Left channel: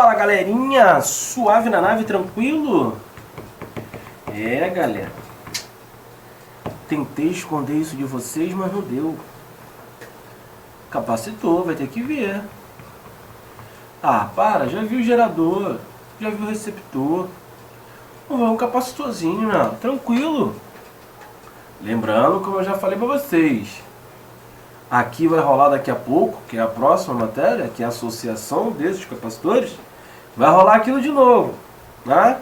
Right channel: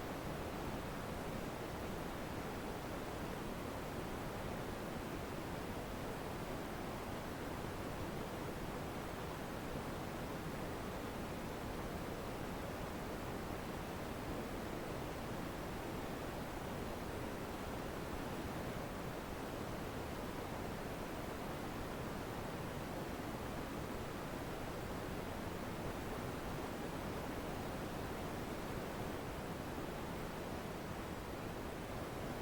Fala galerinha, suave na nave, tranquilo? Galera, tentei esconder isso de vocês, mas não deu. Capacitor, vai ter que ver. Ah, para, já vi o gerador, já vi o receptor. Vamos ver um capacitorzinho, né? Tranquilo. Lembrando, como eu já falei pra vocês, aqui vai rolar daqui a pouco, que é a próxima matéria, que é a associação desses capacitores. Vai rolar aquilo de novo, né?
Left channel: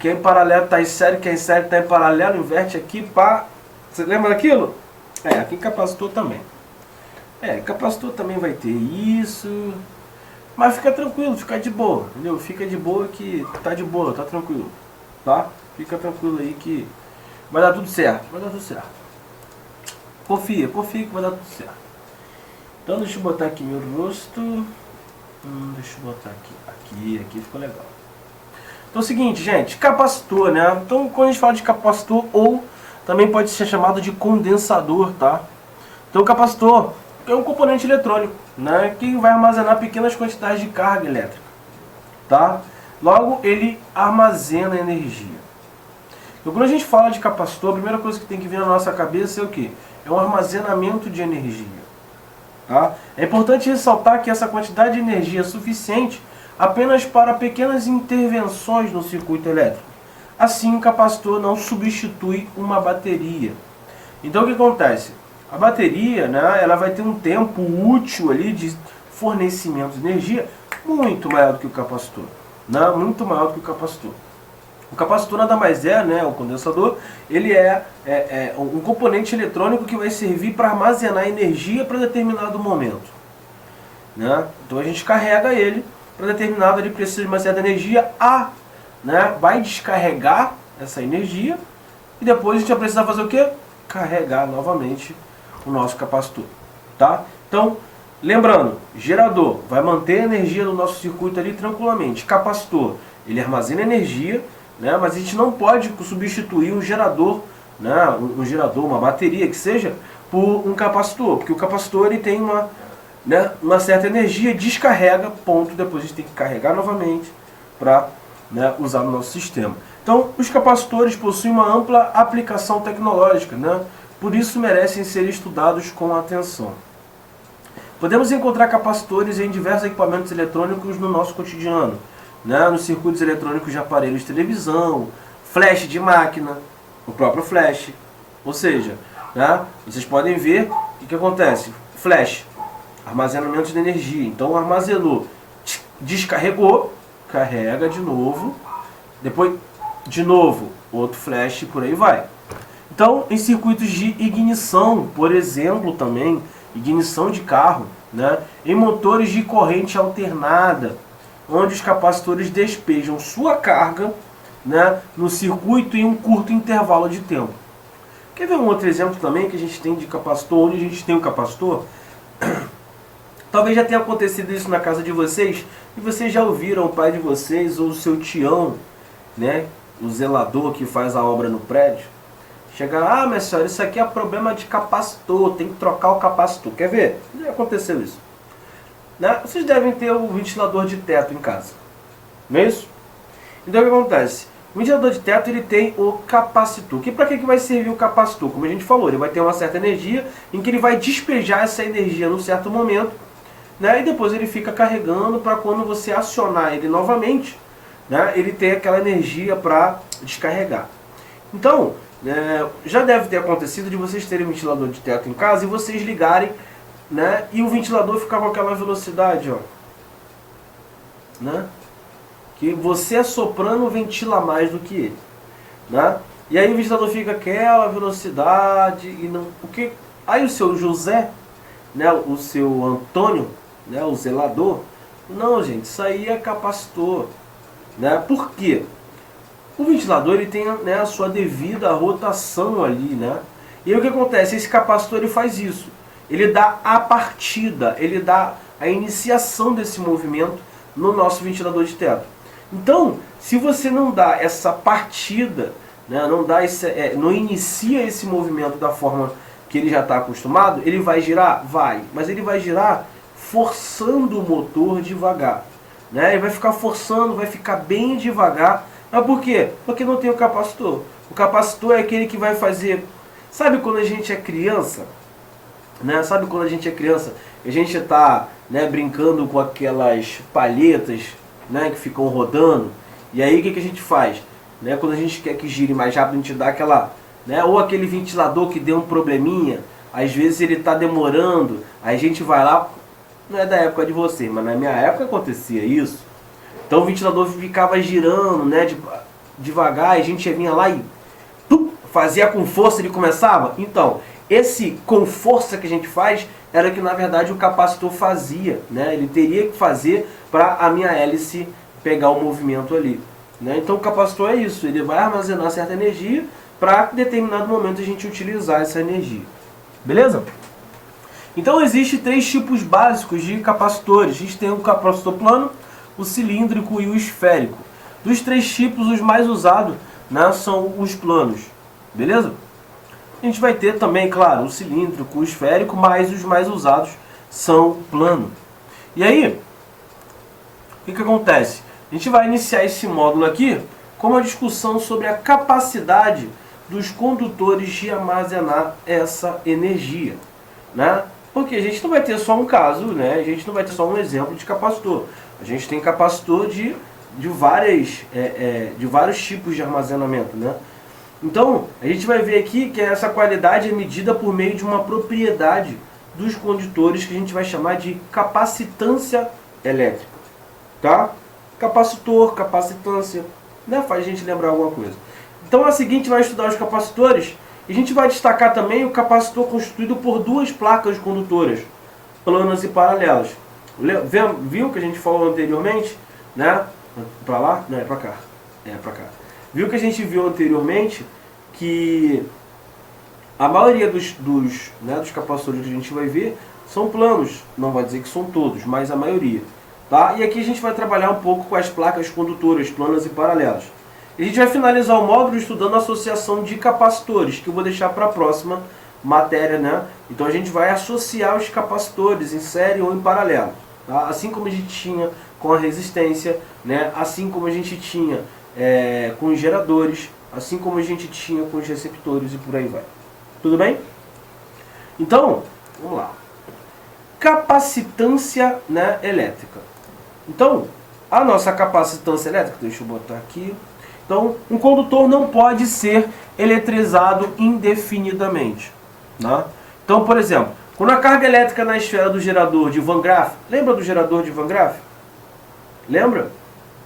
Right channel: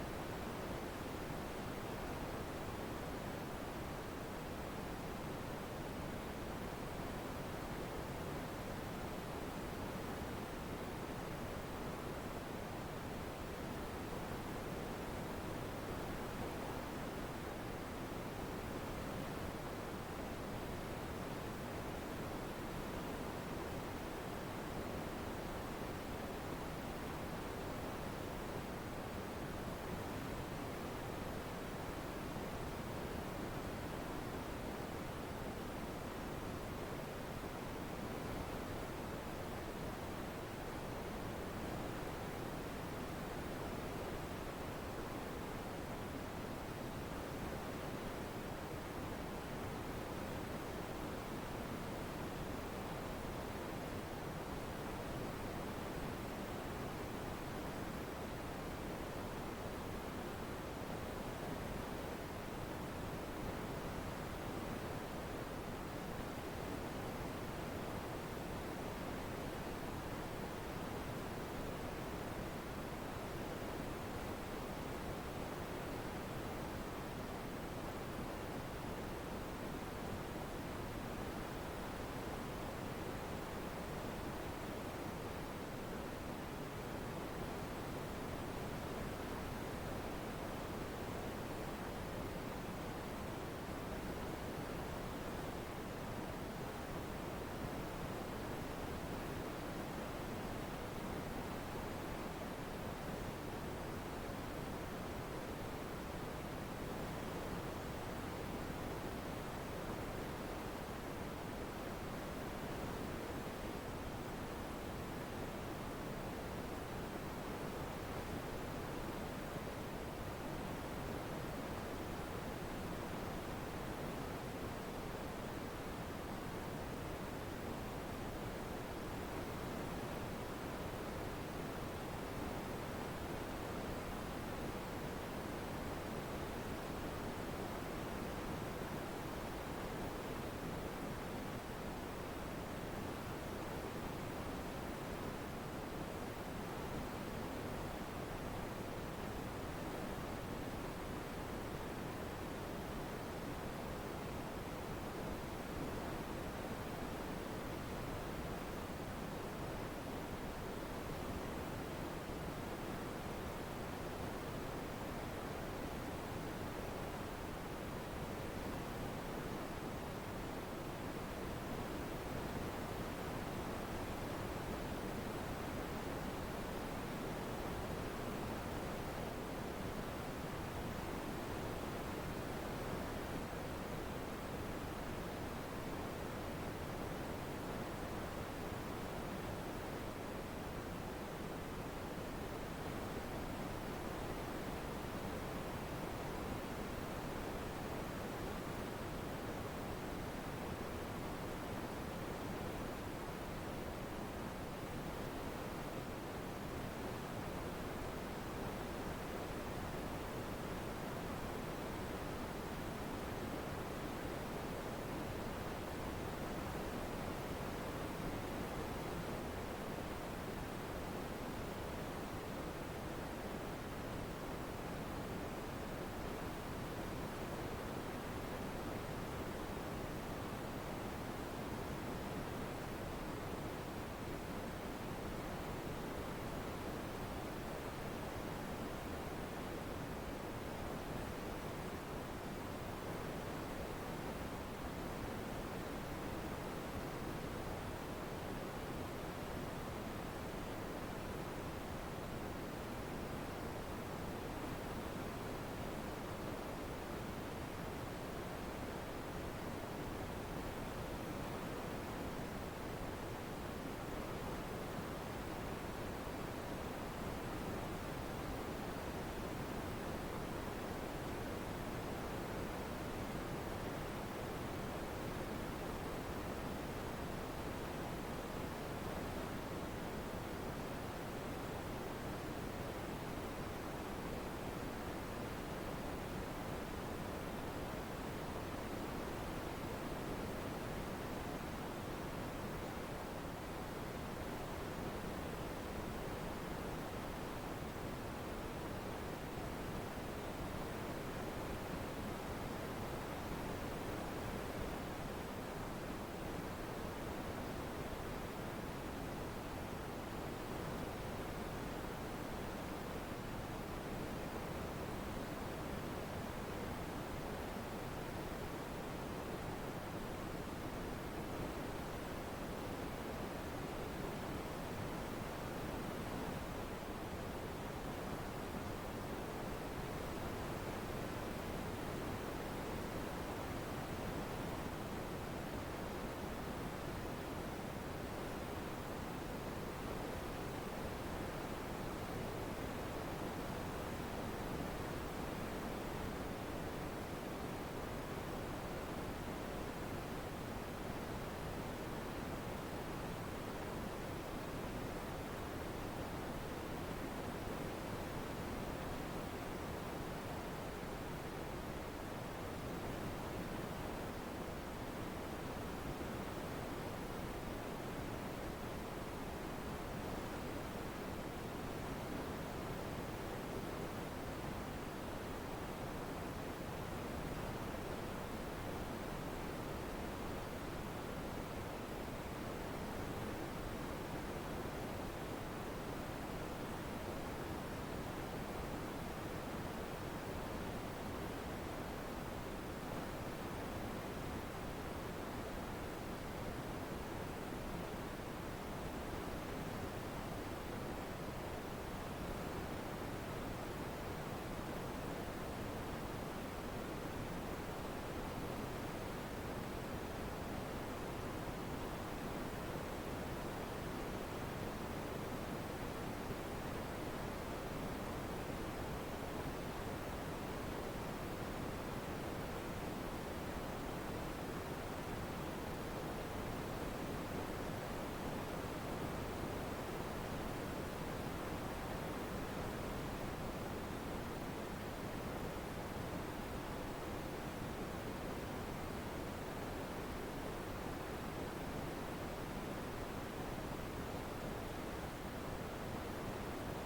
Quem em paralelo está em série, quem em série está em paralelo, inverte aqui, pá. Você lembra daquilo? Aqui em capacitor também. Capacitor também vai ter isso. Mas fica tranquilo, fica de boa, entendeu? Fica de boa que tá de boa, tá tranquilo, tá? Fica tranquilo aí que vai dar tudo certo, vai dar tudo certo. Confia que vai dar tudo certo. Então deixa eu botar aqui meu rosto. Deixa eu botar aqui ficou legal. Então é o seguinte, gente, capacitor, né? Então quando a gente fala de capacitor, ou também pode ser chamado de condensador, tá? Então o capacitor é um componente eletrônico, né? Que vai armazenar pequenas quantidades de carga elétrica, tá? Logo, ele armazena energia. Então quando a gente fala de capacitor, a primeira coisa que tem que vir na nossa cabeça é o quê? É um armazenamento de energia. Tá? É importante ressaltar que essa quantidade de energia é suficiente apenas para pequenas intervenções no circuito elétrico. Assim, o capacitor não substitui uma bateria. Então, o que acontece? A bateria, né, ela vai ter um tempo útil ali de fornecimento de energia muito maior do que o capacitor. Né? Muito maior do que o capacitor. O capacitor nada mais é, né, o condensador, ele é um componente eletrônico que vai servir para armazenar energia para determinado momento. Né? Então a gente carrega ele para determinado, ele precisa de uma certa energia, né, vai descarregar essa energia e depois a gente vai precisar fazer o quê? Carregar novamente o nosso capacitor. Tá? Então, lembrando, gerador vai manter a energia do nosso circuito ali tranquilamente. Capacitor, ele armazena energia, né, mas a gente não pode substituir um gerador, né, um gerador, uma bateria que seja, por um capacitor, porque o capacitor ele tem uma certa energia, descarrega, ponto, depois a gente tem que carregar novamente para, né, usar no nosso sistema. Então, os capacitores possuem uma ampla aplicação tecnológica, né, por isso merecem ser estudados com atenção. Podemos encontrar capacitores em diversos equipamentos eletrônicos no nosso cotidiano, né, nos circuitos eletrônicos de aparelhos de televisão, flash de máquina, o próprio flash. Ou seja, né, vocês podem ver o que acontece. Flash, armazenamento de energia. Então armazenou, descarregou, carrega de novo, depois de novo, outro flash, por aí vai. Então, em circuitos de ignição, por exemplo, também, ignição de carro, né, em motores de corrente alternada, onde os capacitores despejam sua carga, né, no circuito em um curto intervalo de tempo. Quer ver um outro exemplo também que a gente tem de capacitor, onde a gente tem um capacitor? Talvez já tenha acontecido isso na casa de vocês, e vocês já ouviram o pai de vocês ou o seu tião, né, o zelador que faz a obra no prédio, chegar, minha senhora, isso aqui é problema de capacitor, tem que trocar o capacitor. Quer ver? Já aconteceu isso. Né? Vocês devem ter o ventilador de teto em casa, não é isso? Então o que acontece? O ventilador de teto ele tem o capacitor. Para que vai servir o capacitor? Como a gente falou, ele vai ter uma certa energia em que ele vai despejar essa energia num certo momento, né? E depois ele fica carregando para quando você acionar ele novamente, né, ele ter aquela energia para descarregar. Então, já deve ter acontecido de vocês terem um ventilador de teto em casa e vocês ligarem, né, e o ventilador ficar com aquela velocidade, ó, né, que você assoprando ventila mais do que ele, né, e aí o ventilador fica aquela velocidade e não, porque aí o seu José, né, o seu Antônio, né, o zelador, não, gente, isso aí é capacitor, né, por quê? O ventilador ele tem, né, a sua devida rotação ali, né, e aí o que acontece? Esse capacitor ele faz isso. Ele dá a partida, ele dá a iniciação desse movimento no nosso ventilador de teto. Então, se você não dá essa partida, né, não inicia esse movimento da forma que ele já está acostumado, ele vai girar? Vai. Mas ele vai girar forçando o motor devagar. né? E vai ficar forçando, vai ficar bem devagar. Mas por quê? Porque não tem o capacitor. O capacitor é aquele que vai fazer... Sabe quando a gente é criança? Né? Sabe quando a gente é criança? A gente está, né, brincando com aquelas palhetas, né, que ficam rodando. E aí o que a gente faz? Né? Quando a gente quer que gire mais rápido, a gente dá aquela... Né? Ou aquele ventilador que deu um probleminha. Às vezes ele está demorando. Aí a gente vai lá... Não é da época de você, mas na minha época acontecia isso. Então o ventilador ficava girando, né, devagar, e a gente vinha lá e fazia com força, ele começava. Então, esse com força que a gente faz era que na verdade o capacitor fazia, né? Ele teria que fazer para a minha hélice pegar o movimento ali, né? Então o capacitor é isso, ele vai armazenar certa energia para em determinado momento a gente utilizar essa energia. Beleza? Então existem 3 tipos básicos de capacitores. A gente tem o capacitor plano, o cilíndrico e o esférico. Dos 3 tipos, os mais usados, né, são os planos. Beleza? A gente vai ter também, claro, o cilíndrico, o esférico, mas os mais usados são plano. E aí, o que acontece? A gente vai iniciar esse módulo aqui com uma discussão sobre a capacidade dos condutores de armazenar essa energia, né? Porque a gente não vai ter só um caso, né? A gente não vai ter só um exemplo de capacitor. A gente tem capacitor de vários tipos de armazenamento, né? Então, a gente vai ver aqui que essa qualidade é medida por meio de uma propriedade dos condutores que a gente vai chamar de capacitância elétrica, tá? Capacitor, capacitância, né? Faz a gente lembrar alguma coisa. Então, a seguinte vai estudar os capacitores. E a gente vai destacar também o capacitor constituído por 2 placas condutoras, planas e paralelas. Viu que a gente falou anteriormente? Né? Para lá? Não, é para cá. É para cá. Viu que a gente viu anteriormente que a maioria dos capacitores que a gente vai ver são planos. Não vai dizer que são todos, mas a maioria. Tá? E aqui a gente vai trabalhar um pouco com as placas condutoras, planas e paralelas. A gente vai finalizar o módulo estudando a associação de capacitores, que eu vou deixar para a próxima matéria, né? Então a gente vai associar os capacitores em série ou em paralelo, tá? Assim como a gente tinha com a resistência, né? Assim como a gente tinha com os geradores, assim como a gente tinha com os receptores e por aí vai. Tudo bem? Então, vamos lá. Capacitância, né, elétrica. Então, a nossa capacitância elétrica, deixa eu botar aqui. Então, um condutor não pode ser eletrizado indefinidamente, né? Então, por exemplo, quando a carga elétrica na esfera do gerador de Van Graff, lembra do gerador de Van Graff? Lembra?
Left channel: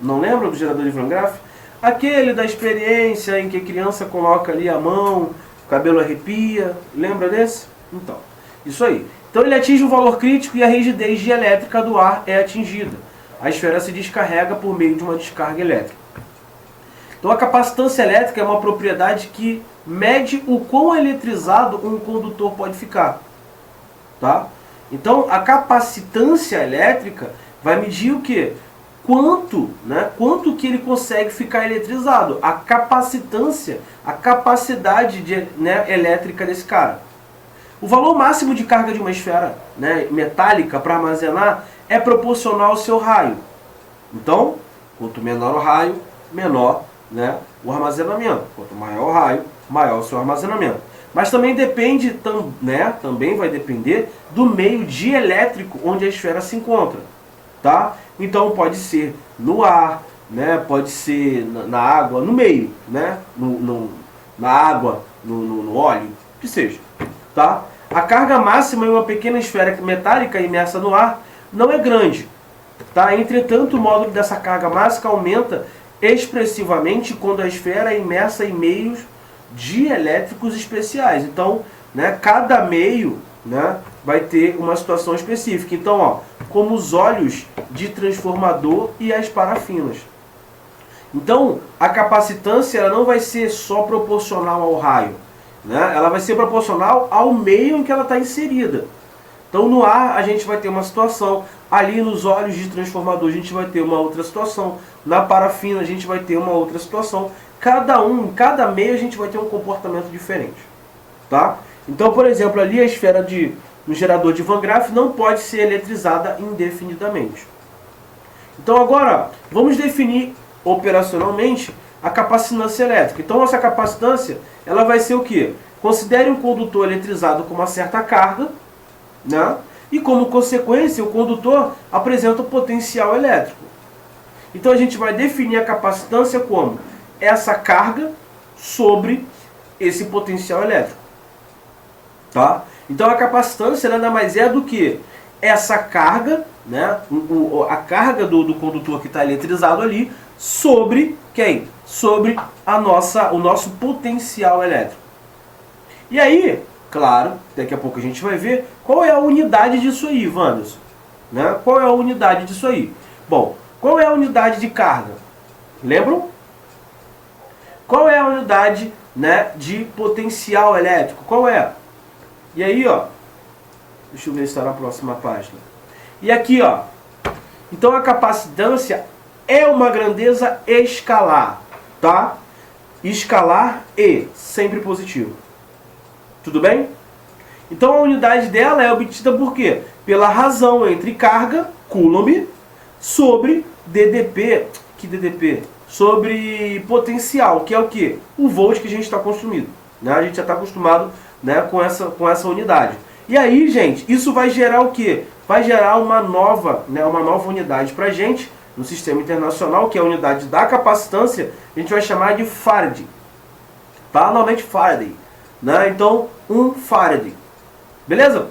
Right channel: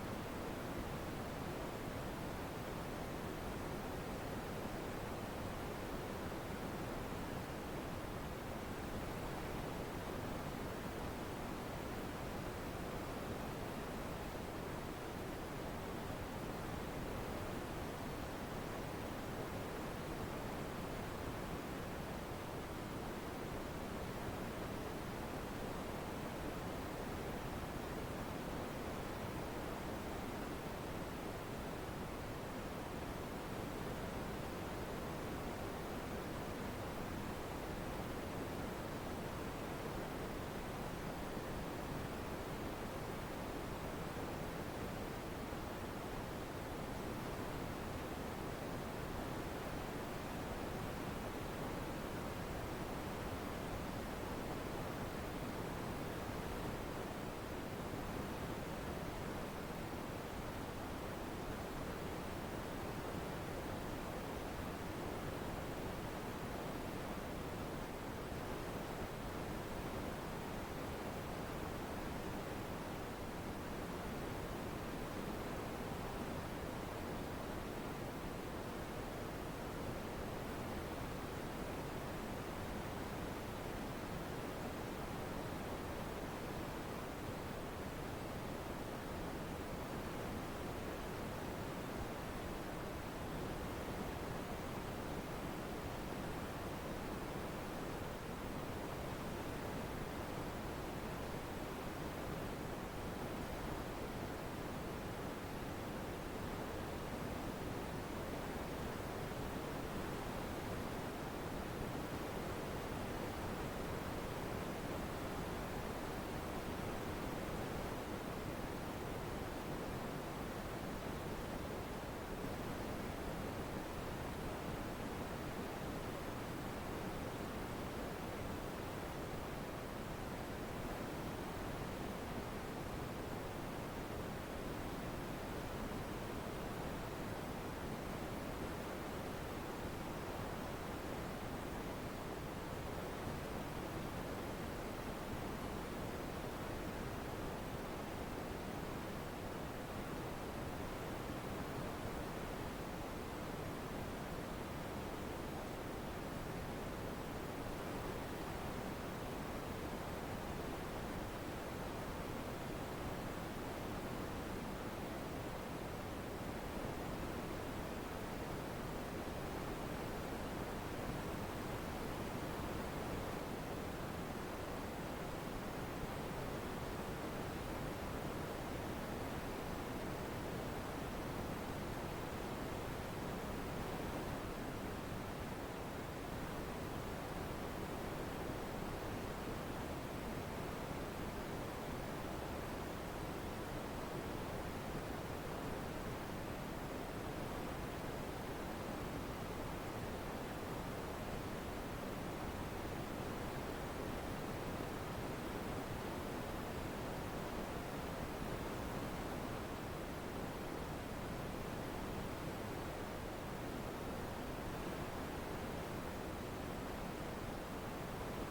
Não lembra do gerador de Van Graff? Aquele da experiência em que a criança coloca ali a mão, o cabelo arrepia, lembra desse? Então, isso aí. Então ele atinge um valor crítico e a rigidez dielétrica do ar é atingida. A esfera se descarrega por meio de uma descarga elétrica. Então a capacitância elétrica é uma propriedade que mede o quão eletrizado um condutor pode ficar, tá? Então a capacitância elétrica vai medir o quê? Quanto que ele consegue ficar eletrizado. A capacitância, a capacidade elétrica desse cara. O valor máximo de carga de uma esfera, né, metálica para armazenar é proporcional ao seu raio. Então, quanto menor o raio, menor, né, o armazenamento. Quanto maior o raio, maior o seu armazenamento. Mas também depende, também vai depender do meio dielétrico onde a esfera se encontra, tá? Então pode ser no ar, né, pode ser na água, no meio, né, na água, no óleo, que seja, tá? A carga máxima em uma pequena esfera metálica imersa no ar não é grande, tá? Entretanto, o módulo dessa carga máxima aumenta expressivamente quando a esfera é imersa em meios dielétricos especiais. Então, né, cada meio, né, vai ter uma situação específica. Então, ó, como os óleos de transformador e as parafinas. Então, a capacitância ela não vai ser só proporcional ao raio, né? Ela vai ser proporcional ao meio em que ela está inserida. Então, no ar a gente vai ter uma situação, ali nos óleos de transformador a gente vai ter uma outra situação, na parafina a gente vai ter uma outra situação. Cada meio a gente vai ter um comportamento diferente, tá? Então, por exemplo, ali a esfera no gerador de Van Graff não pode ser eletrizada indefinidamente. Então agora, vamos definir operacionalmente a capacitância elétrica. Então essa capacitância, ela vai ser o quê? Considere um condutor eletrizado com uma certa carga, né? E como consequência, o condutor apresenta um potencial elétrico. Então a gente vai definir a capacitância como essa carga sobre esse potencial elétrico. Tá? Então a capacitância nada mais é do que essa carga, né? A carga do condutor que está eletrizado ali sobre quem? Sobre o nosso potencial elétrico. E aí, claro, daqui a pouco a gente vai ver qual é a unidade disso aí, Wanderson. Né? Qual é a unidade disso aí? Bom, qual é a unidade de carga? Lembram? Qual é a unidade, né, de potencial elétrico? Qual é? E aí, ó, deixa eu ver se está na próxima página. E aqui, ó, então a capacitância é uma grandeza escalar, tá? Escalar e sempre positivo. Tudo bem? Então a unidade dela é obtida por quê? Pela razão entre carga, Coulomb, sobre DDP, que DDP? Sobre potencial, que é o quê? O volt que a gente está consumindo. Né? A gente já está acostumado, né, com essa unidade. E aí, gente, isso vai gerar o quê? Vai gerar uma nova unidade para a gente, no sistema internacional, que é a unidade da capacitância, a gente vai chamar de Farad. Tá? Normalmente Faraday. Né? Então, 1 Farad. Beleza?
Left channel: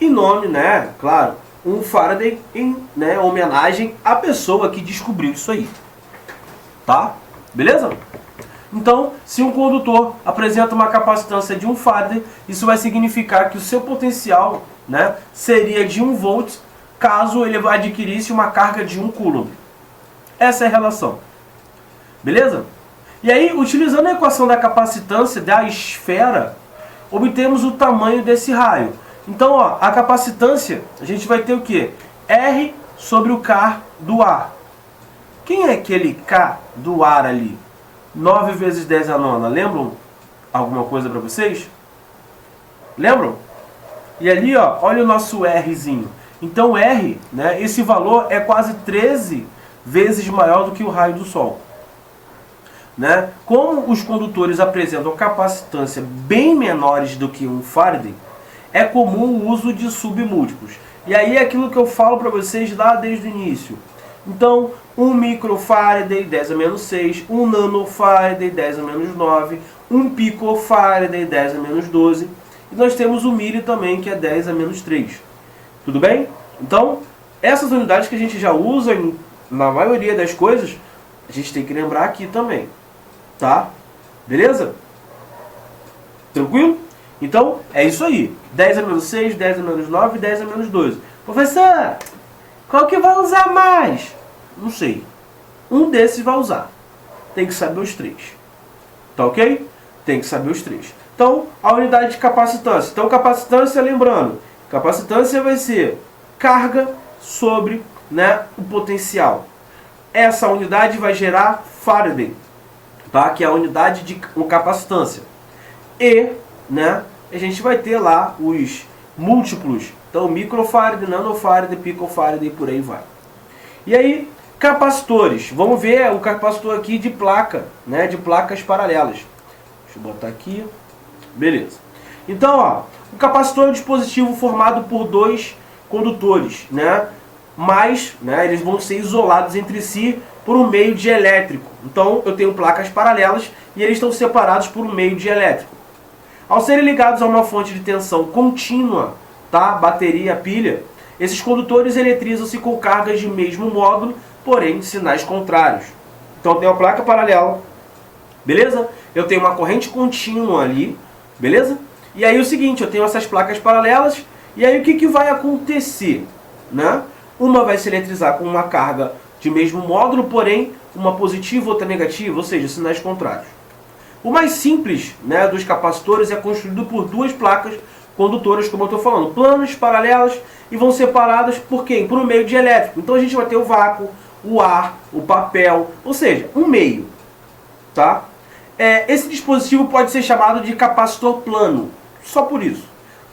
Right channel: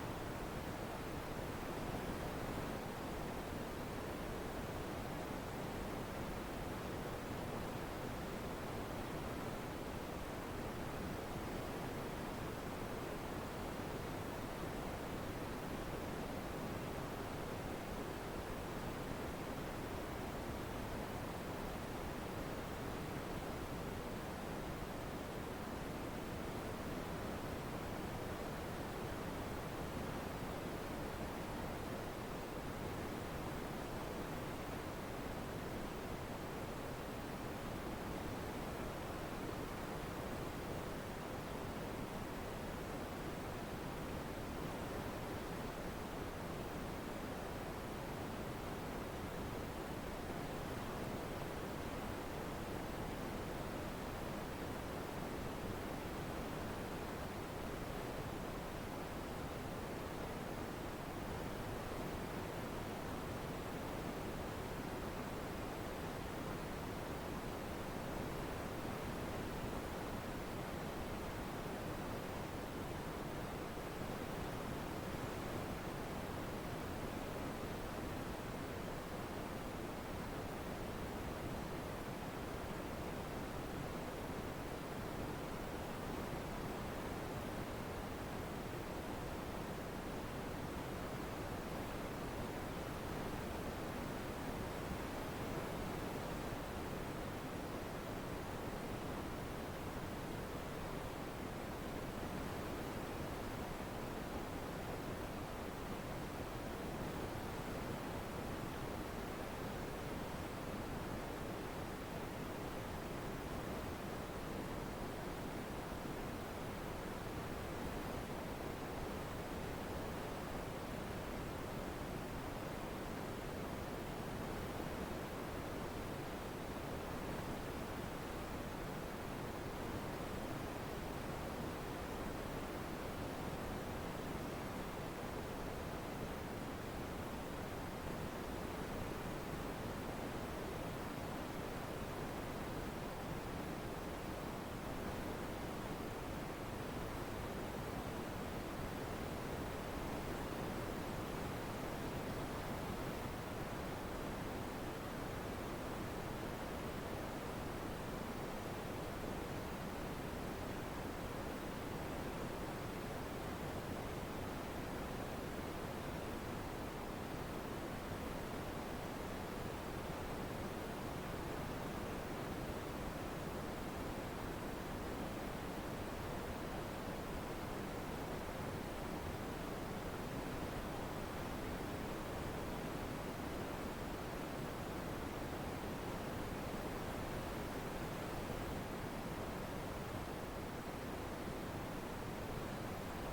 Em nome, né, claro, 1 Faraday em, né, homenagem à pessoa que descobriu isso aí. Tá? Beleza? Então, se um condutor apresenta uma capacitância de 1 Faraday, isso vai significar que o seu potencial, né, seria de 1 volt, caso ele adquirisse uma carga de 1 Coulomb. Essa é a relação. Beleza? E aí, utilizando a equação da capacitância da esfera, obtemos o tamanho desse raio. Então, ó, a capacitância, a gente vai ter o quê? R sobre o K do ar. Quem é aquele K do ar ali? 9 vezes 10 a nona. Lembram alguma coisa para vocês? Lembram? E ali, ó, olha o nosso Rzinho. Então, R, né, esse valor é quase 13 vezes maior do que o raio do Sol. Né? Como os condutores apresentam capacitância bem menores do que 1 Faraday, é comum o uso de submúltiplos. E aí é aquilo que eu falo para vocês lá desde o início. Então, 1 microfaraday, 10 a menos 6, 1 nanofaraday, 10 a menos 9, 1 picofaraday, 10 a menos 12. E nós temos o milli também, que é 10 a menos 3. Tudo bem? Então, essas unidades que a gente já usa na maioria das coisas, a gente tem que lembrar aqui também. Tá? Beleza? Tranquilo? Então, é isso aí. 10 a menos 6, 10 a menos 9 e 10 a menos 12. Professor, qual que vai usar mais? Não sei. Um desses vai usar. Tem que saber os três. Tá ok? Tem que saber os três. Então, a unidade de capacitância. Então, capacitância, lembrando, capacitância vai ser carga sobre, né, o potencial. Essa unidade vai gerar Faraday, tá? Que é a unidade de capacitância. E, né, a gente vai ter lá os múltiplos. Então, microfarad, nanofarad, picofarad e por aí vai. E aí, capacitores. Vamos ver o capacitor aqui de placa, né, de placas paralelas. Deixa eu botar aqui. Beleza. Então, ó, o capacitor é um dispositivo formado por dois condutores, né? Mas, né, eles vão ser isolados entre si por um meio dielétrico. Então, eu tenho placas paralelas e eles estão separados por um meio dielétrico. Ao serem ligados a uma fonte de tensão contínua, tá? Bateria, pilha, esses condutores eletrizam-se com cargas de mesmo módulo, porém de sinais contrários. Então, eu tenho uma placa paralela, beleza? Eu tenho uma corrente contínua ali, beleza? E aí o seguinte, eu tenho essas placas paralelas, e aí o que vai acontecer? Né? Uma vai se eletrizar com uma carga de mesmo módulo, porém uma positiva, outra negativa, ou seja, sinais contrários. O mais simples, né, dos capacitores é construído por duas placas condutoras, como eu estou falando, planas, paralelas, e vão separadas por quem? Por um meio dielétrico. Então a gente vai ter o vácuo, o ar, o papel, ou seja, um meio. Tá? Esse dispositivo pode ser chamado de capacitor plano, só por isso.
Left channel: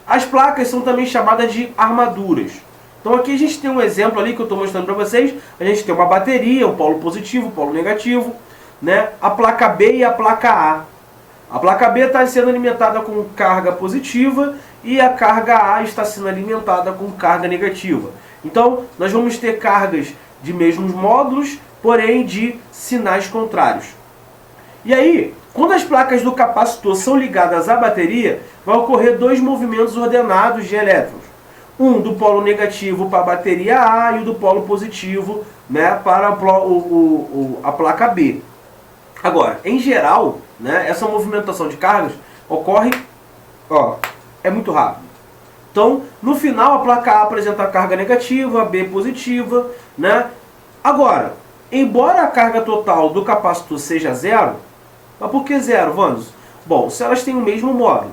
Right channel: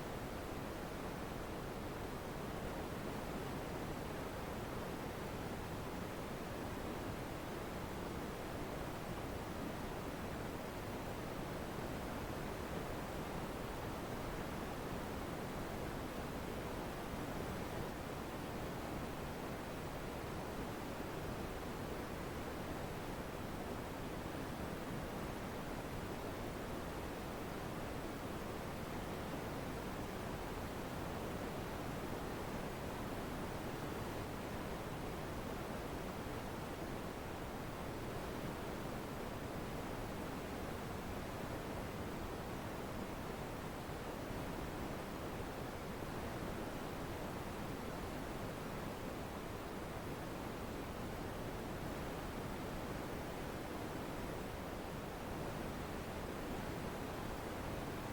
As placas são também chamadas de armaduras. Então aqui a gente tem um exemplo ali que eu estou mostrando para vocês. A gente tem uma bateria, o polo positivo, o polo negativo, né? A placa B e a placa A. A placa B está sendo alimentada com carga positiva e a carga A está sendo alimentada com carga negativa. Então nós vamos ter cargas de mesmos módulos, porém de sinais contrários. E aí, quando as placas do capacitor são ligadas à bateria, vai ocorrer dois movimentos ordenados de elétrons. Um do polo negativo para a bateria A e o do polo positivo, né, para a placa B. Agora, em geral, né, essa movimentação de cargas ocorre, é muito rápido. Então, no final, a placa A apresenta a carga negativa, a B positiva, né? Agora, embora a carga total do capacitor seja zero, mas por que zero, Wanderson? Bom, se elas têm o mesmo módulo,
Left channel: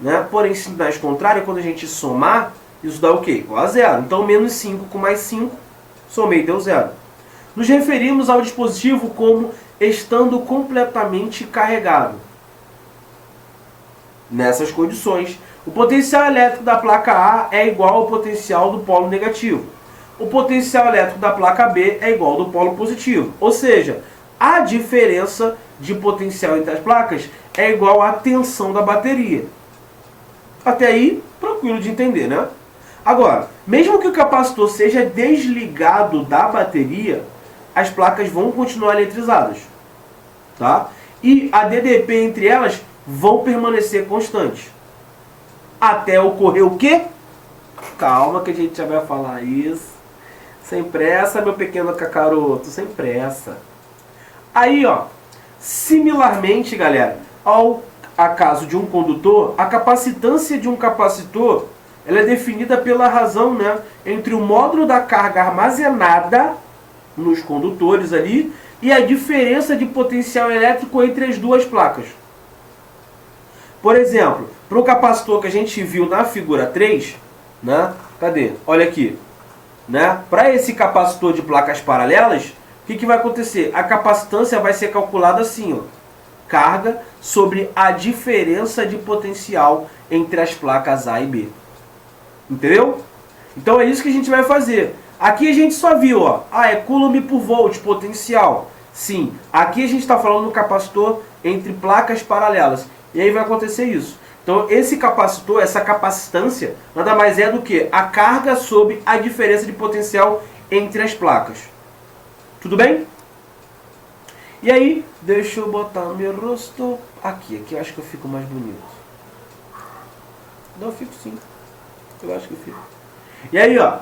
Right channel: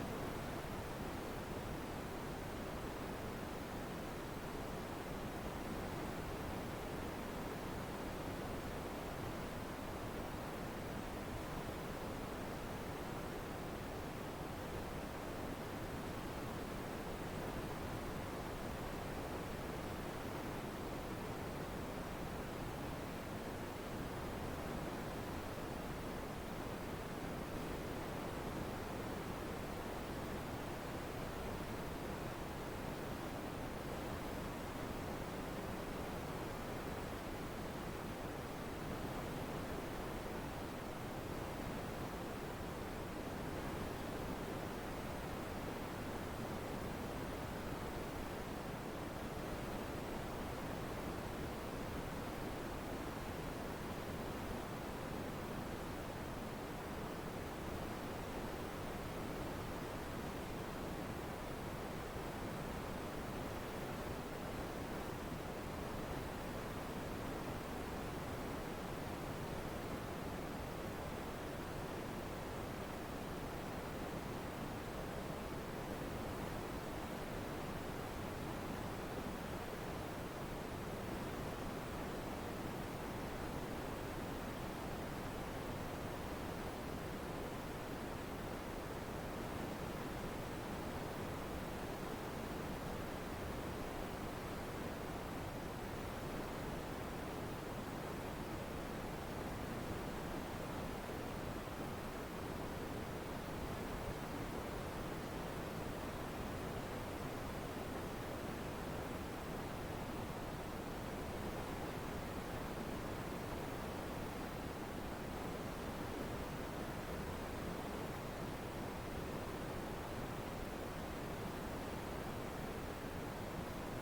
né? Porém, sinais contrários, quando a gente somar, isso dá o quê? Igual a zero. Então, menos 5 com mais 5, somei, deu zero. Nos referimos ao dispositivo como estando completamente carregado. Nessas condições, o potencial elétrico da placa A é igual ao potencial do polo negativo. O potencial elétrico da placa B é igual ao do polo positivo. Ou seja, a diferença de potencial entre as placas é igual à tensão da bateria. Até aí, tranquilo de entender, né? Agora, mesmo que o capacitor seja desligado da bateria, as placas vão continuar eletrizadas, tá? E a DDP entre elas vão permanecer constantes. Até ocorrer o quê? Calma que a gente já vai falar isso. Sem pressa, meu pequeno cacaroto, sem pressa. Aí, ó, similarmente, galera, ao caso de um condutor, a capacitância de um capacitor, ela é definida pela razão, né, entre o módulo da carga armazenada nos condutores ali e a diferença de potencial elétrico entre as duas placas. Por exemplo, para o capacitor que a gente viu na figura 3, né? Cadê? Olha aqui. Né? Para esse capacitor de placas paralelas, o que vai acontecer? A capacitância vai ser calculada assim, ó. Carga sobre a diferença de potencial entre as placas A e B. Entendeu? Então é isso que a gente vai fazer. Aqui a gente só viu, ó, é coulomb por volt, potencial. Sim, aqui a gente está falando do capacitor entre placas paralelas. E aí vai acontecer isso. Então esse capacitor, essa capacitância, nada mais é do que a carga sobre a diferença de potencial entre as placas. Tudo bem? E aí, deixa eu botar o meu rosto aqui eu acho que eu fico mais bonito. Não, eu fico sim. Eu acho que eu fico. E aí, ó,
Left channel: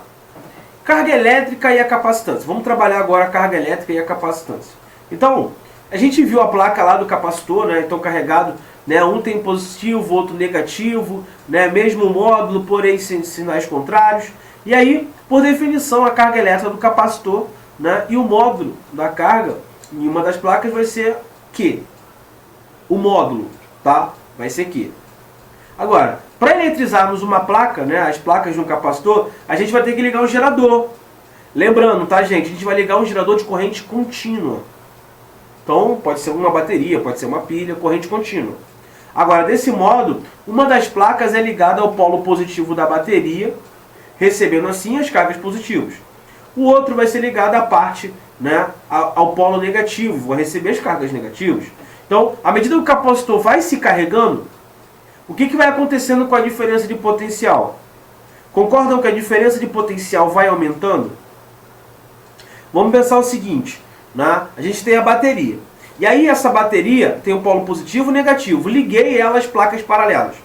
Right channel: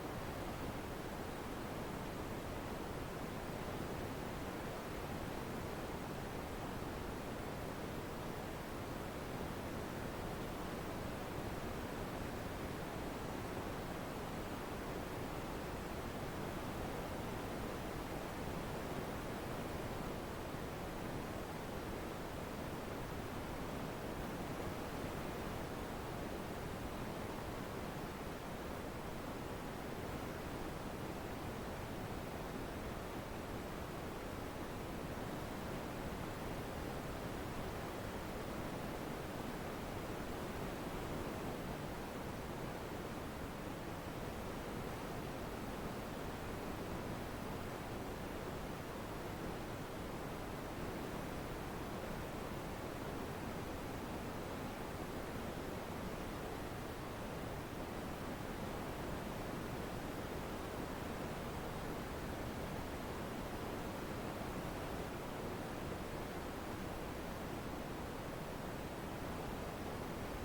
carga elétrica e a capacitância. Vamos trabalhar agora a carga elétrica e a capacitância. Então, a gente viu a placa lá do capacitor, né? Então carregado, né? Um tem positivo, outro negativo, né? Mesmo módulo, porém sinais contrários. E aí, por definição, a carga elétrica do capacitor, né? E o módulo da carga em uma das placas vai ser Q. O módulo, tá? Vai ser Q. Agora, para eletrizarmos uma placa, né? As placas de um capacitor, a gente vai ter que ligar um gerador. Lembrando, tá, gente? A gente vai ligar um gerador de corrente contínua. Então, pode ser uma bateria, pode ser uma pilha, corrente contínua. Agora, desse modo, uma das placas é ligada ao polo positivo da bateria, recebendo assim as cargas positivas. O outro vai ser ligado à parte, né, ao polo negativo, vai receber as cargas negativas. Então, à medida que o capacitor vai se carregando, o que vai acontecendo com a diferença de potencial? Concordam que a diferença de potencial vai aumentando? Vamos pensar o seguinte, né? A gente tem a bateria. E aí essa bateria tem o polo positivo e negativo. Liguei ela às placas paralelas.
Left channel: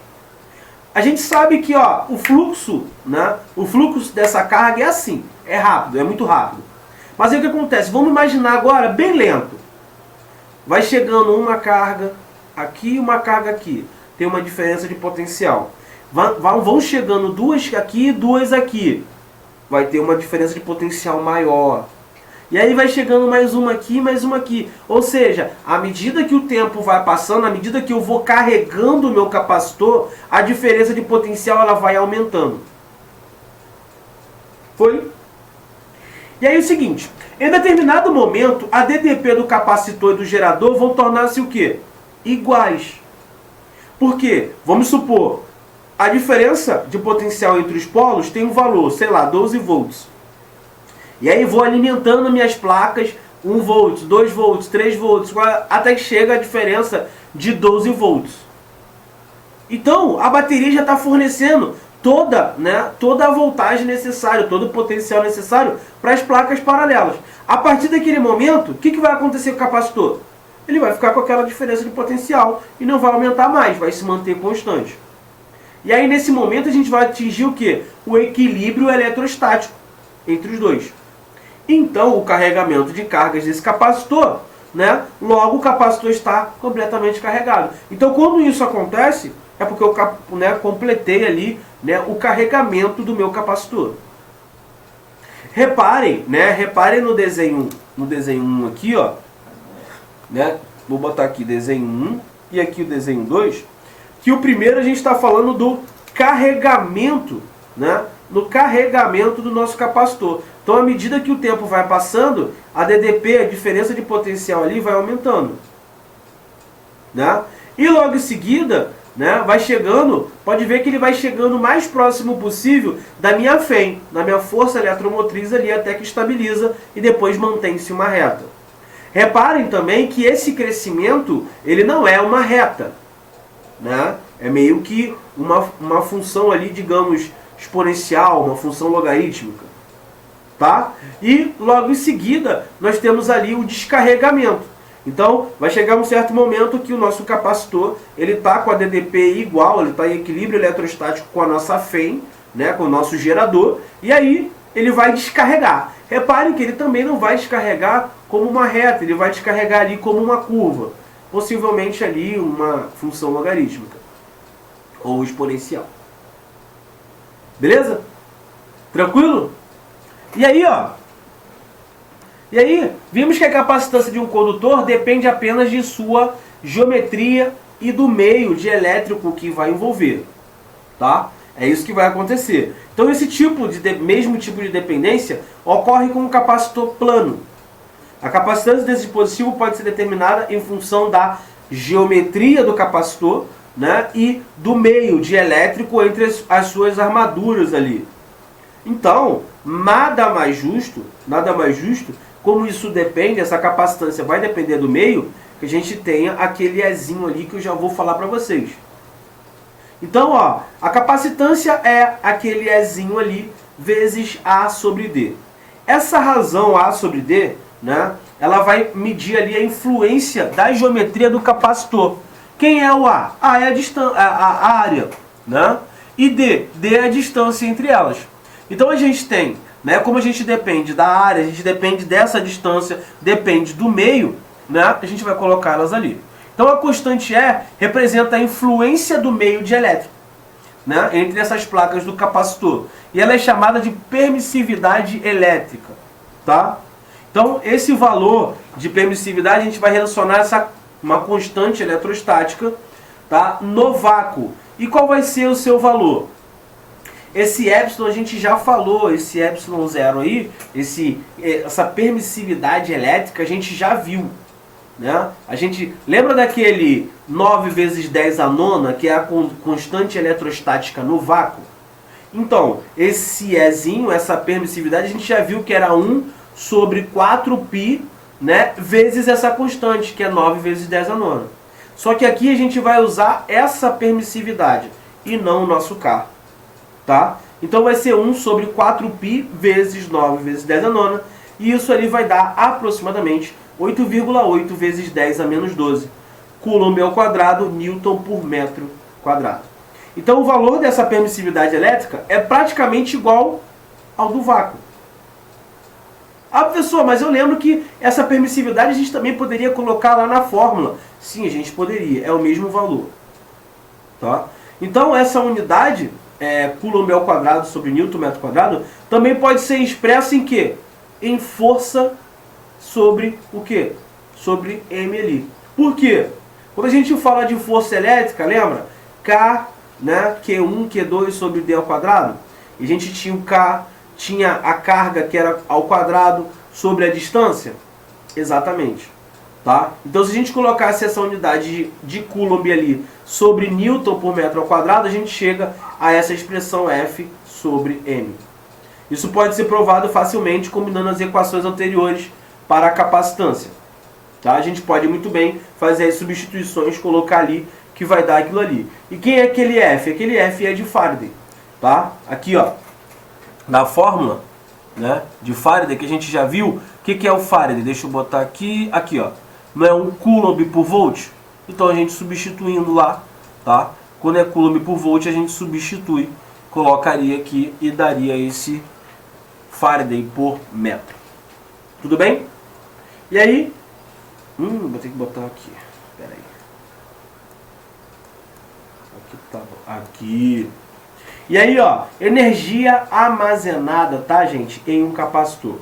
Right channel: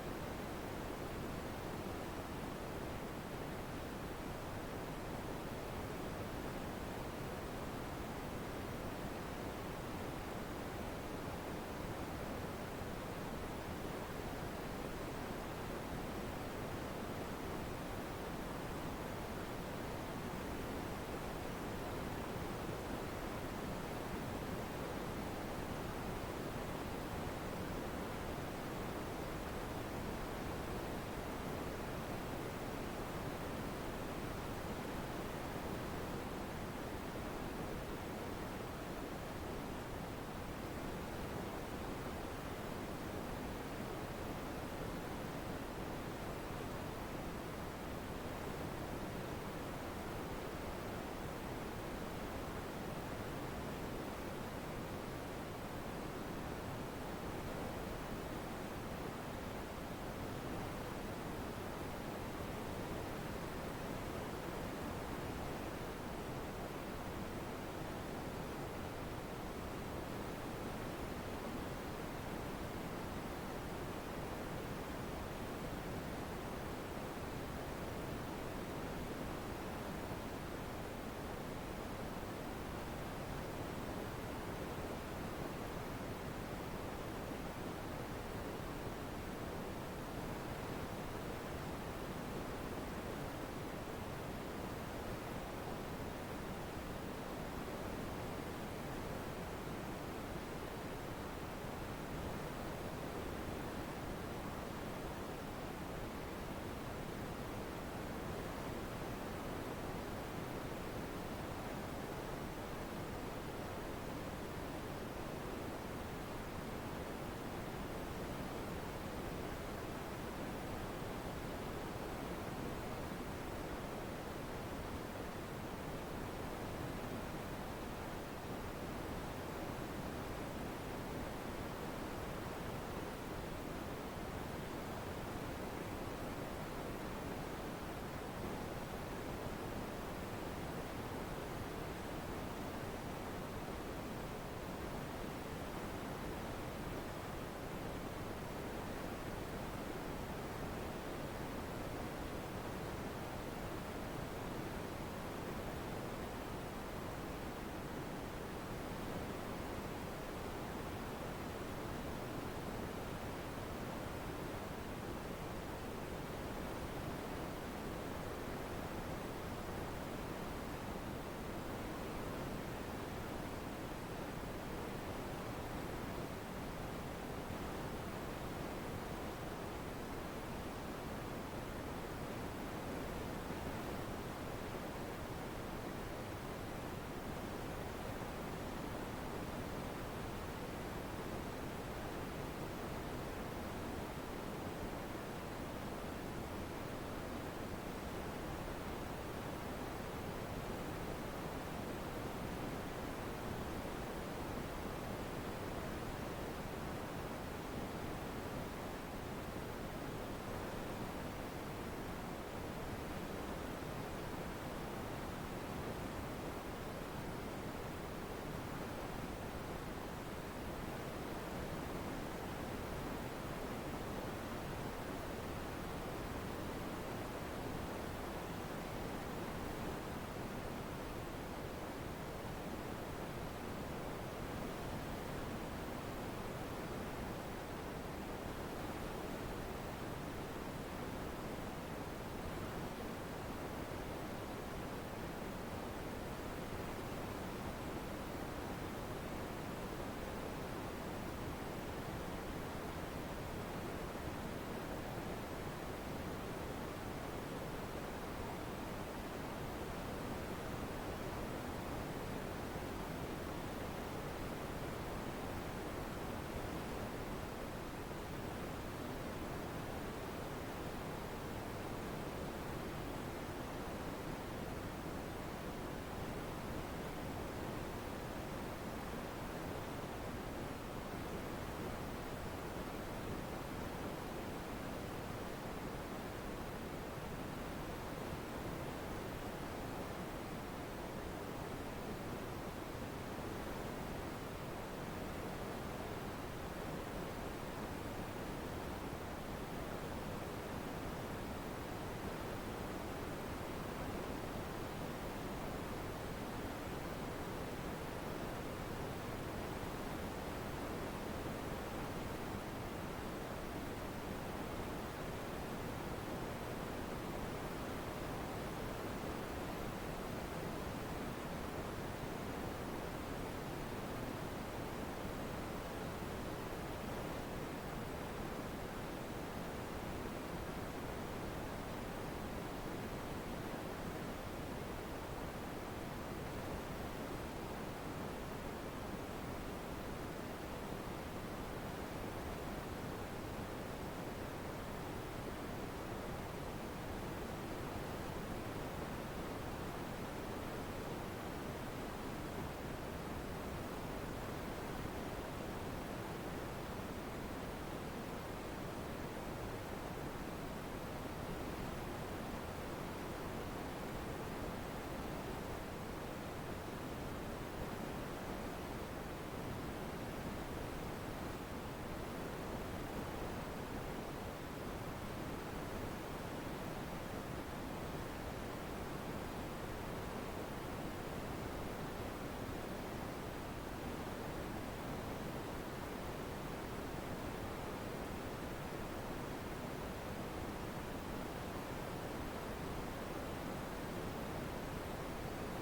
A gente sabe que, ó, o fluxo, né? O fluxo dessa carga é assim. É rápido, é muito rápido. Mas aí o que acontece? Vamos imaginar agora bem lento. Vai chegando uma carga aqui e uma carga aqui. Tem uma diferença de potencial. Vão chegando duas aqui e duas aqui. Vai ter uma diferença de potencial maior. E aí vai chegando mais uma aqui, mais uma aqui. Ou seja, à medida que o tempo vai passando, à medida que eu vou carregando o meu capacitor, a diferença de potencial ela vai aumentando. Foi? E aí é o seguinte, em determinado momento, a DDP do capacitor e do gerador vão tornar-se o quê? Iguais. Por quê? Vamos supor, a diferença de potencial entre os polos tem um valor, sei lá, 12 volts. E aí vou alimentando minhas placas 1 volt, 2 volts, 3 volts, até que chega a diferença de 12 volts. Então, a bateria já está fornecendo toda a voltagem necessária, todo o potencial necessário para as placas paralelas. A partir daquele momento, o que vai acontecer com o capacitor? Ele vai ficar com aquela diferença de potencial e não vai aumentar mais, vai se manter constante. E aí, nesse momento, a gente vai atingir o quê? O equilíbrio eletrostático entre os dois. Então, o carregamento de cargas desse capacitor, logo o capacitor está completamente carregado. Então, quando isso acontece, é porque eu completei ali o carregamento do meu capacitor. Reparem no desenho 1 aqui, ó, vou botar aqui desenho 1 e aqui o desenho 2, que o primeiro a gente está falando do carregamento, no carregamento do nosso capacitor. Então, à medida que o tempo vai passando, a DDP, a diferença de potencial ali, vai aumentando. E logo em seguida, vai chegando, pode ver que ele vai chegando o mais próximo possível da minha FEM, da minha força eletromotriz ali, até que estabiliza e depois mantém-se uma reta. Reparem também que esse crescimento, ele não é uma reta. É meio que uma função ali, digamos, exponencial, uma função logarítmica. E logo em seguida nós temos ali o descarregamento. Então vai chegar um certo momento que o nosso capacitor ele está com a DDP igual, ele está em equilíbrio eletrostático com a nossa FEM, com o nosso gerador, e aí ele vai descarregar. Reparem que ele também não vai descarregar como uma reta, ele vai descarregar ali como uma curva, possivelmente ali uma função logarítmica ou exponencial. Beleza? Tranquilo? E aí, vimos que a capacitância de um condutor depende apenas de sua geometria e do meio de elétrico que vai envolver. É isso que vai acontecer. Então, esse mesmo tipo de dependência ocorre com um capacitor plano. A capacitância desse dispositivo pode ser determinada em função da geometria do capacitor, e do meio de elétrico entre as suas armaduras ali. Então, nada mais justo, como isso depende, essa capacitância vai depender do meio, que a gente tenha aquele Ezinho ali que eu já vou falar para vocês. Então, a capacitância é aquele Ezinho ali vezes A sobre D. Essa razão A sobre D, ela vai medir ali a influência da geometria do capacitor. Quem é o A? A é a área, e D é a distância entre elas. Então a gente tem, como a gente depende da área, a gente depende dessa distância, depende do meio, a gente vai colocá-las ali. Então a constante E representa a influência do meio dielétrico, entre essas placas do capacitor. E ela é chamada de permissividade elétrica. Então esse valor de permissividade a gente vai relacionar uma constante eletrostática no vácuo. E qual vai ser o seu valor? Esse epsilon a gente já falou, esse epsilon zero aí, essa permissividade elétrica a gente já viu. A gente lembra daquele 9 vezes 10 a nona, que é a constante eletrostática no vácuo? Então, esse Ezinho, essa permissividade, a gente já viu que era 1 sobre 4π, vezes essa constante, que é 9 vezes 10 a nona. Só que aqui a gente vai usar essa permissividade e não o nosso K. Então vai ser 1 sobre 4π vezes 9 vezes 10 a nona, e isso ali vai dar aproximadamente 8,8 vezes 10 a menos 12 coulomb ao quadrado, newton por metro quadrado. Então o valor dessa permissividade elétrica é praticamente igual ao do vácuo. Professor, mas eu lembro que essa permissividade a gente também poderia colocar lá na fórmula. Sim, a gente poderia, é o mesmo valor. Então essa unidade, coulomb ao quadrado sobre newton metro quadrado, também pode ser expressa em quê? Em força sobre o quê? Sobre M ali. Por quê? Quando a gente fala de força elétrica, lembra? K, Q1, Q2 sobre D ao quadrado. E a gente tinha o K, tinha a carga que era ao quadrado sobre a distância. Exatamente. Tá? Então, se a gente colocasse essa unidade de Coulomb ali sobre Newton por metro ao quadrado, a gente chega a essa expressão F sobre M. Isso pode ser provado facilmente combinando as equações anteriores para a capacitância. Tá? A gente pode muito bem fazer as substituições, colocar ali, que vai dar aquilo ali. E quem é aquele F? Aquele F é de Faraday. Tá? Aqui, ó, na fórmula, né, de Faraday, que a gente já viu, o que é o Faraday? Deixa eu botar aqui, ó. Não é um Coulomb por volt? Então a gente substituindo lá, tá? Quando é Coulomb por volt, a gente substitui, colocaria aqui e daria esse Faraday por metro. Tudo bem? E aí, vou ter que botar aqui. Pera aí. Aqui tá bom. Aqui. E aí, ó, energia armazenada, tá, gente, em um capacitor.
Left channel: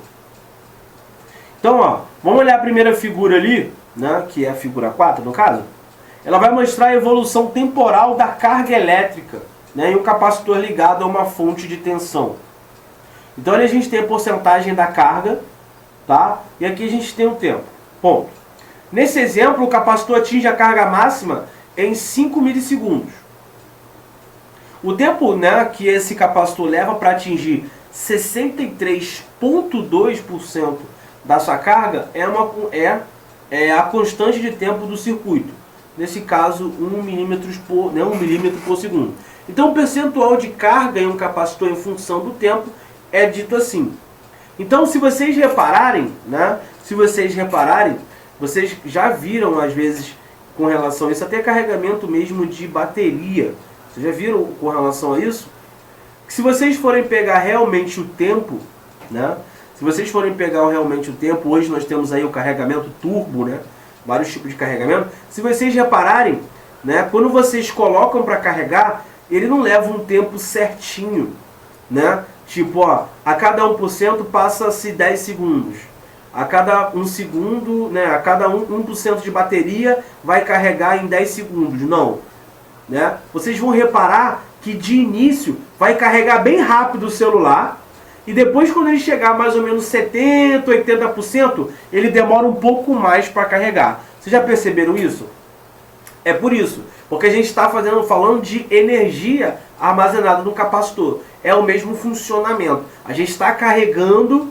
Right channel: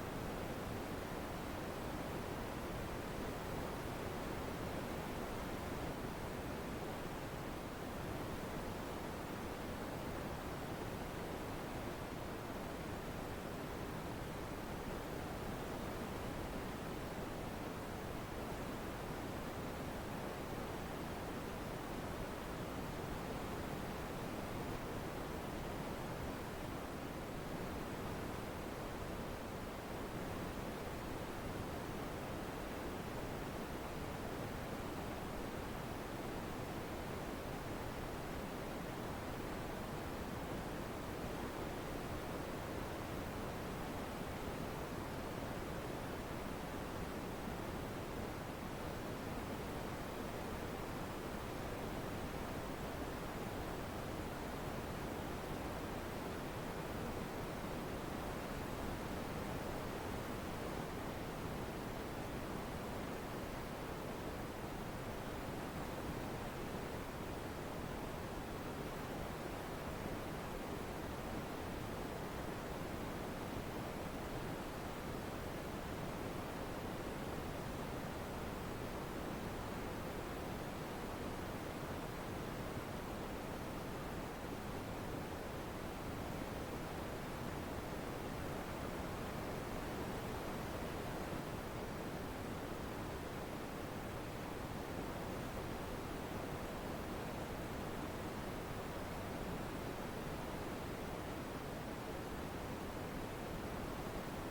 Então, ó, vamos olhar a primeira figura ali, né, que é a figura 4, no caso. Ela vai mostrar a evolução temporal da carga elétrica, né, em um capacitor ligado a uma fonte de tensão. Então, ali a gente tem a porcentagem da carga, tá? E aqui a gente tem o tempo. Ponto. Nesse exemplo, o capacitor atinge a carga máxima em 5 milissegundos. O tempo, né, que esse capacitor leva para atingir 63,2% da sua carga é a constante de tempo do circuito. Nesse caso, 1 milímetro por segundo. Então, o percentual de carga em um capacitor em função do tempo é dito assim. Então, se vocês repararem, né, vocês já viram, às vezes, com relação a isso, até carregamento mesmo de bateria. Vocês já viram com relação a isso? Que se vocês forem pegar realmente o tempo, né? Se vocês forem pegar realmente o tempo, hoje nós temos aí o carregamento turbo, né? Vários tipos de carregamento. Se vocês repararem, né? Quando vocês colocam para carregar, ele não leva um tempo certinho, né? Tipo, ó, a cada 1% passa-se 10 segundos. A cada 1 segundo, né? A cada 1% de bateria vai carregar em 10 segundos. Não. Né? Vocês vão reparar que de início vai carregar bem rápido o celular e depois, quando ele chegar mais ou menos 70%, 80%, ele demora um pouco mais para carregar. Vocês já perceberam isso? É por isso, porque a gente está falando de energia armazenada no capacitor. É o mesmo funcionamento. A gente está carregando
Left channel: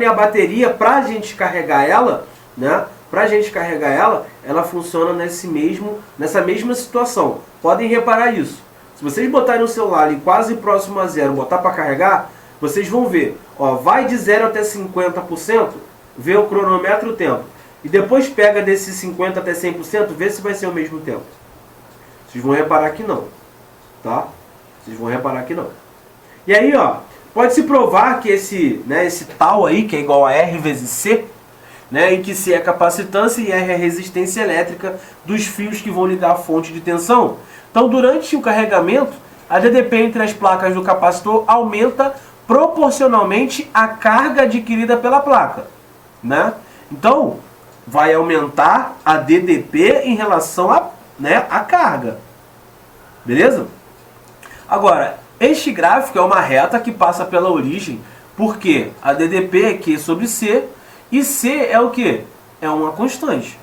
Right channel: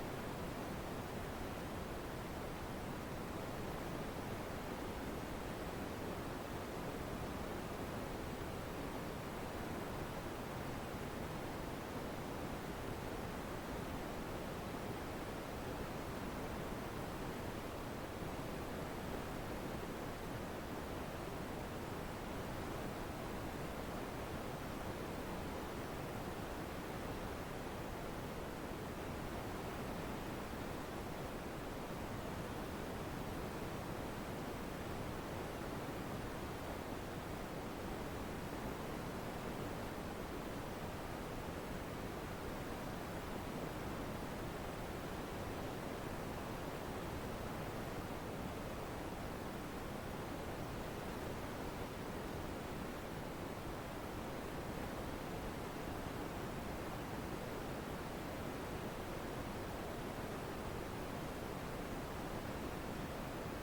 e a bateria, para a gente carregar ela, né? Ela funciona nessa mesma situação. Podem reparar isso. Se vocês botarem o celular ali quase próximo a zero, botar para carregar, vocês vão ver. Ó, vai de 0 até 50%, vê o cronômetro o tempo. E depois pega desse 50% até 100%, vê se vai ser o mesmo tempo. Vocês vão reparar que não. Tá? Vocês vão reparar que não. E aí, ó, pode-se provar que esse tal aí, que é igual a R vezes C, né, em que C é a capacitância e R é a resistência elétrica dos fios que vão ligar a fonte de tensão. Então, durante o carregamento, a DDP entre as placas do capacitor aumenta proporcionalmente à carga adquirida pela placa, né? Então, vai aumentar a DDP em relação a, a carga. Beleza? Agora, este gráfico é uma reta que passa pela origem, porque a DDP é Q sobre C, e C é o quê? É uma constante.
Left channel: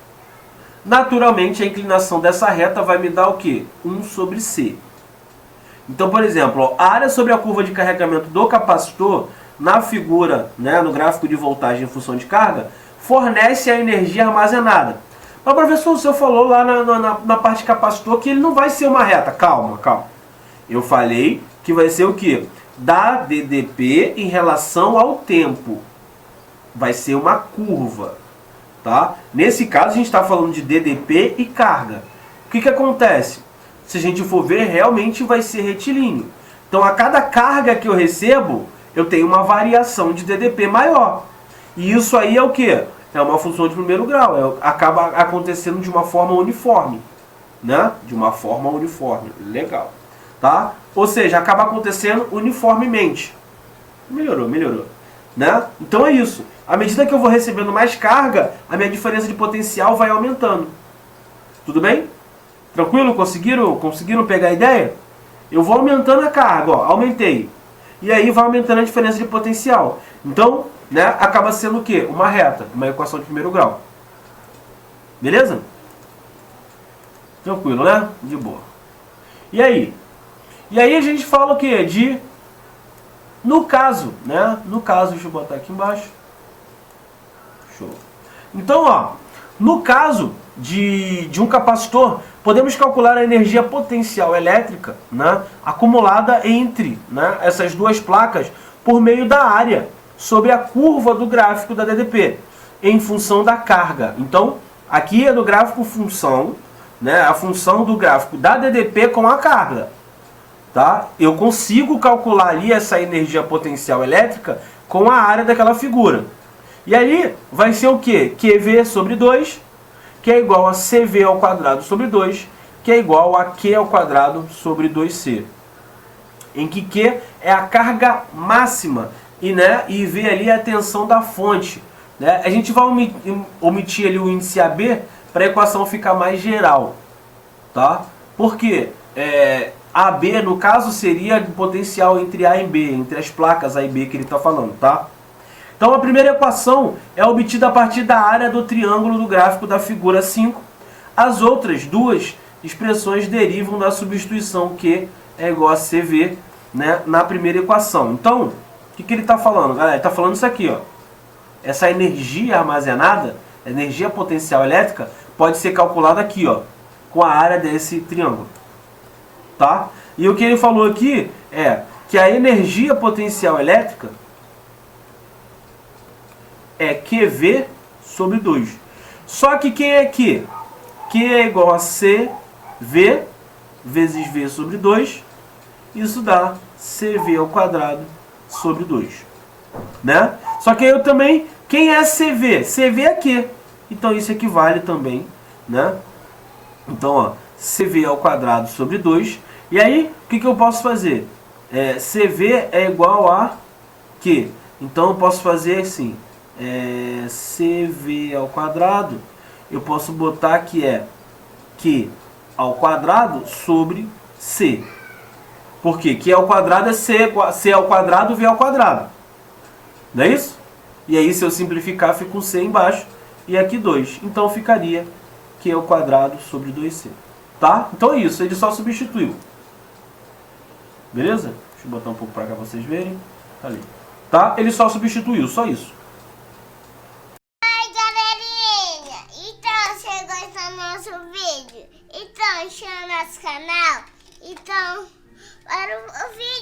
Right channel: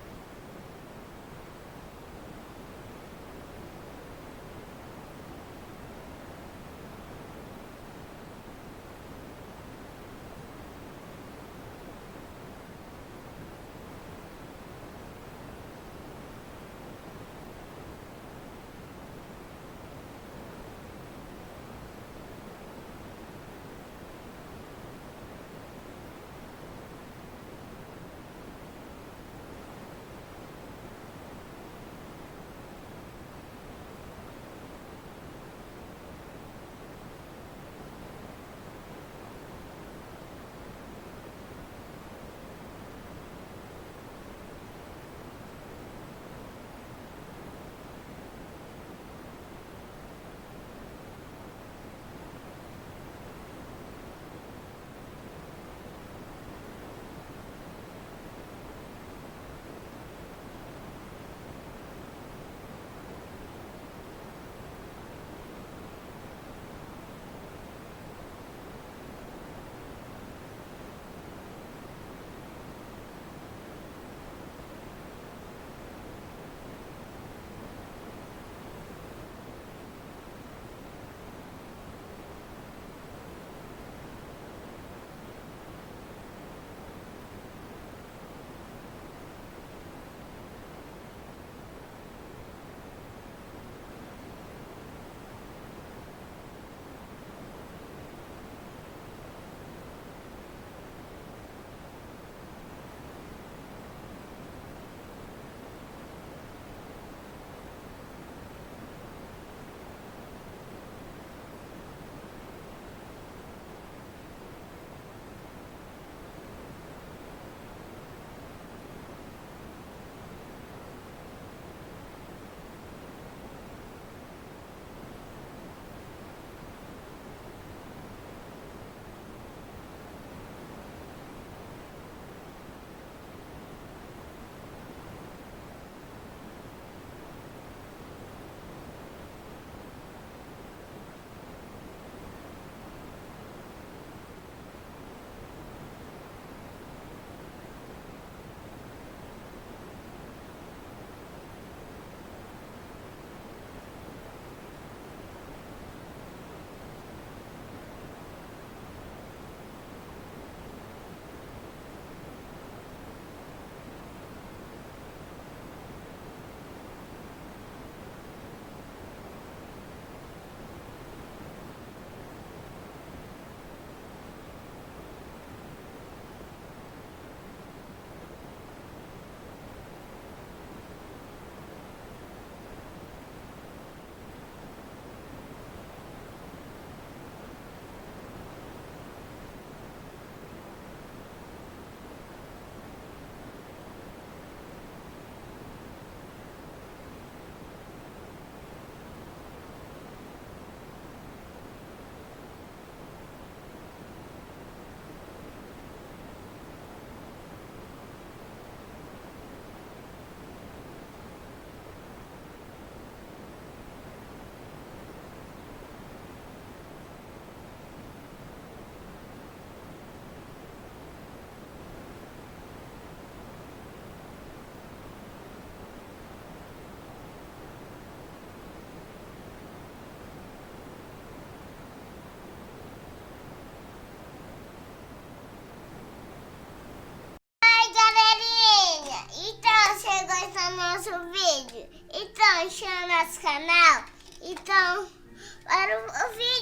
Naturalmente, a inclinação dessa reta vai me dar o quê? 1 sobre C. Então, por exemplo, ó, a área sobre a curva de carregamento do capacitor, na figura, né, no gráfico de voltagem em função de carga, fornece a energia armazenada. Mas, professor, o senhor falou lá na parte de capacitor que ele não vai ser uma reta. Calma, calma. Eu falei que vai ser o quê? Da DDP em relação ao tempo. Vai ser uma curva, tá? Nesse caso, a gente está falando de DDP e carga. O que acontece? Se a gente for ver, realmente vai ser retilíneo. Então, a cada carga que eu recebo, eu tenho uma variação de DDP maior. E isso aí é o quê? É uma função de primeiro grau. Acaba acontecendo de uma forma uniforme, né? De uma forma uniforme. Legal. Tá? Ou seja, acaba acontecendo uniformemente. Melhorou, melhorou. Né? Então é isso. À medida que eu vou recebendo mais carga, a minha diferença de potencial vai aumentando. Tudo bem? Tranquilo? Conseguiram pegar a ideia? Eu vou aumentando a carga, ó, aumentei. E aí vai aumentando a diferença de potencial. Então, né, acaba sendo o quê? Uma reta, uma equação de primeiro grau. Beleza? Tranquilo, né? De boa. E aí? E aí a gente fala o quê? De... No caso, né? No caso, deixa eu botar aqui embaixo. Show. Então, ó, no caso de um capacitor, podemos calcular a energia potencial elétrica, né, acumulada entre, né, essas duas placas por meio da área sobre a curva do gráfico da DDP, em função da carga. Então, aqui é do gráfico função, né, a função do gráfico da DDP com a carga. Tá? Eu consigo calcular ali essa energia potencial elétrica com a área daquela figura. E aí vai ser o quê? QV sobre 2, que é igual a CV ao quadrado sobre 2, que é igual a Q ao quadrado sobre 2C. Em que Q é a carga máxima e, né, e V ali é a tensão da fonte. Né? A gente vai omitir ali o índice AB para a equação ficar mais geral. Tá? Por quê? AB, no caso, seria o potencial entre A e B, entre as placas A e B que ele está falando, tá? Então, a primeira equação é obtida a partir da área do triângulo do gráfico da figura 5. As outras duas expressões derivam da substituição Q é igual a CV, né, na primeira equação. Então, o que ele está falando, galera? Ele está falando isso aqui, ó. Essa energia armazenada, energia potencial elétrica, pode ser calculada aqui, ó, com a área desse triângulo. Tá? E o que ele falou aqui é que a energia potencial elétrica é QV sobre 2. Só que quem é Q? Q é igual a CV vezes V sobre 2. Isso dá CV ao quadrado sobre 2. Né? Só que eu também, quem é CV? CV é Q. Então isso equivale também, né? Então, ó, CV ao quadrado sobre 2. E aí, o que eu posso fazer? CV é igual a Q. Então, eu posso fazer assim. CV ao quadrado, eu posso botar que é Q ao quadrado sobre C. Por quê? Q ao quadrado é C ao quadrado, V ao quadrado. Não é isso? E aí, se eu simplificar, fica um C embaixo. E aqui 2. Então, ficaria Q ao quadrado sobre 2C. Tá? Então é isso, ele só substituiu. Beleza? Deixa eu botar um pouco para cá pra vocês verem. Ali. Tá? Ele só substituiu, só isso. Oi, galerinha! Então, você gostou do nosso vídeo? Então, chama nosso canal. Então, para o vídeo.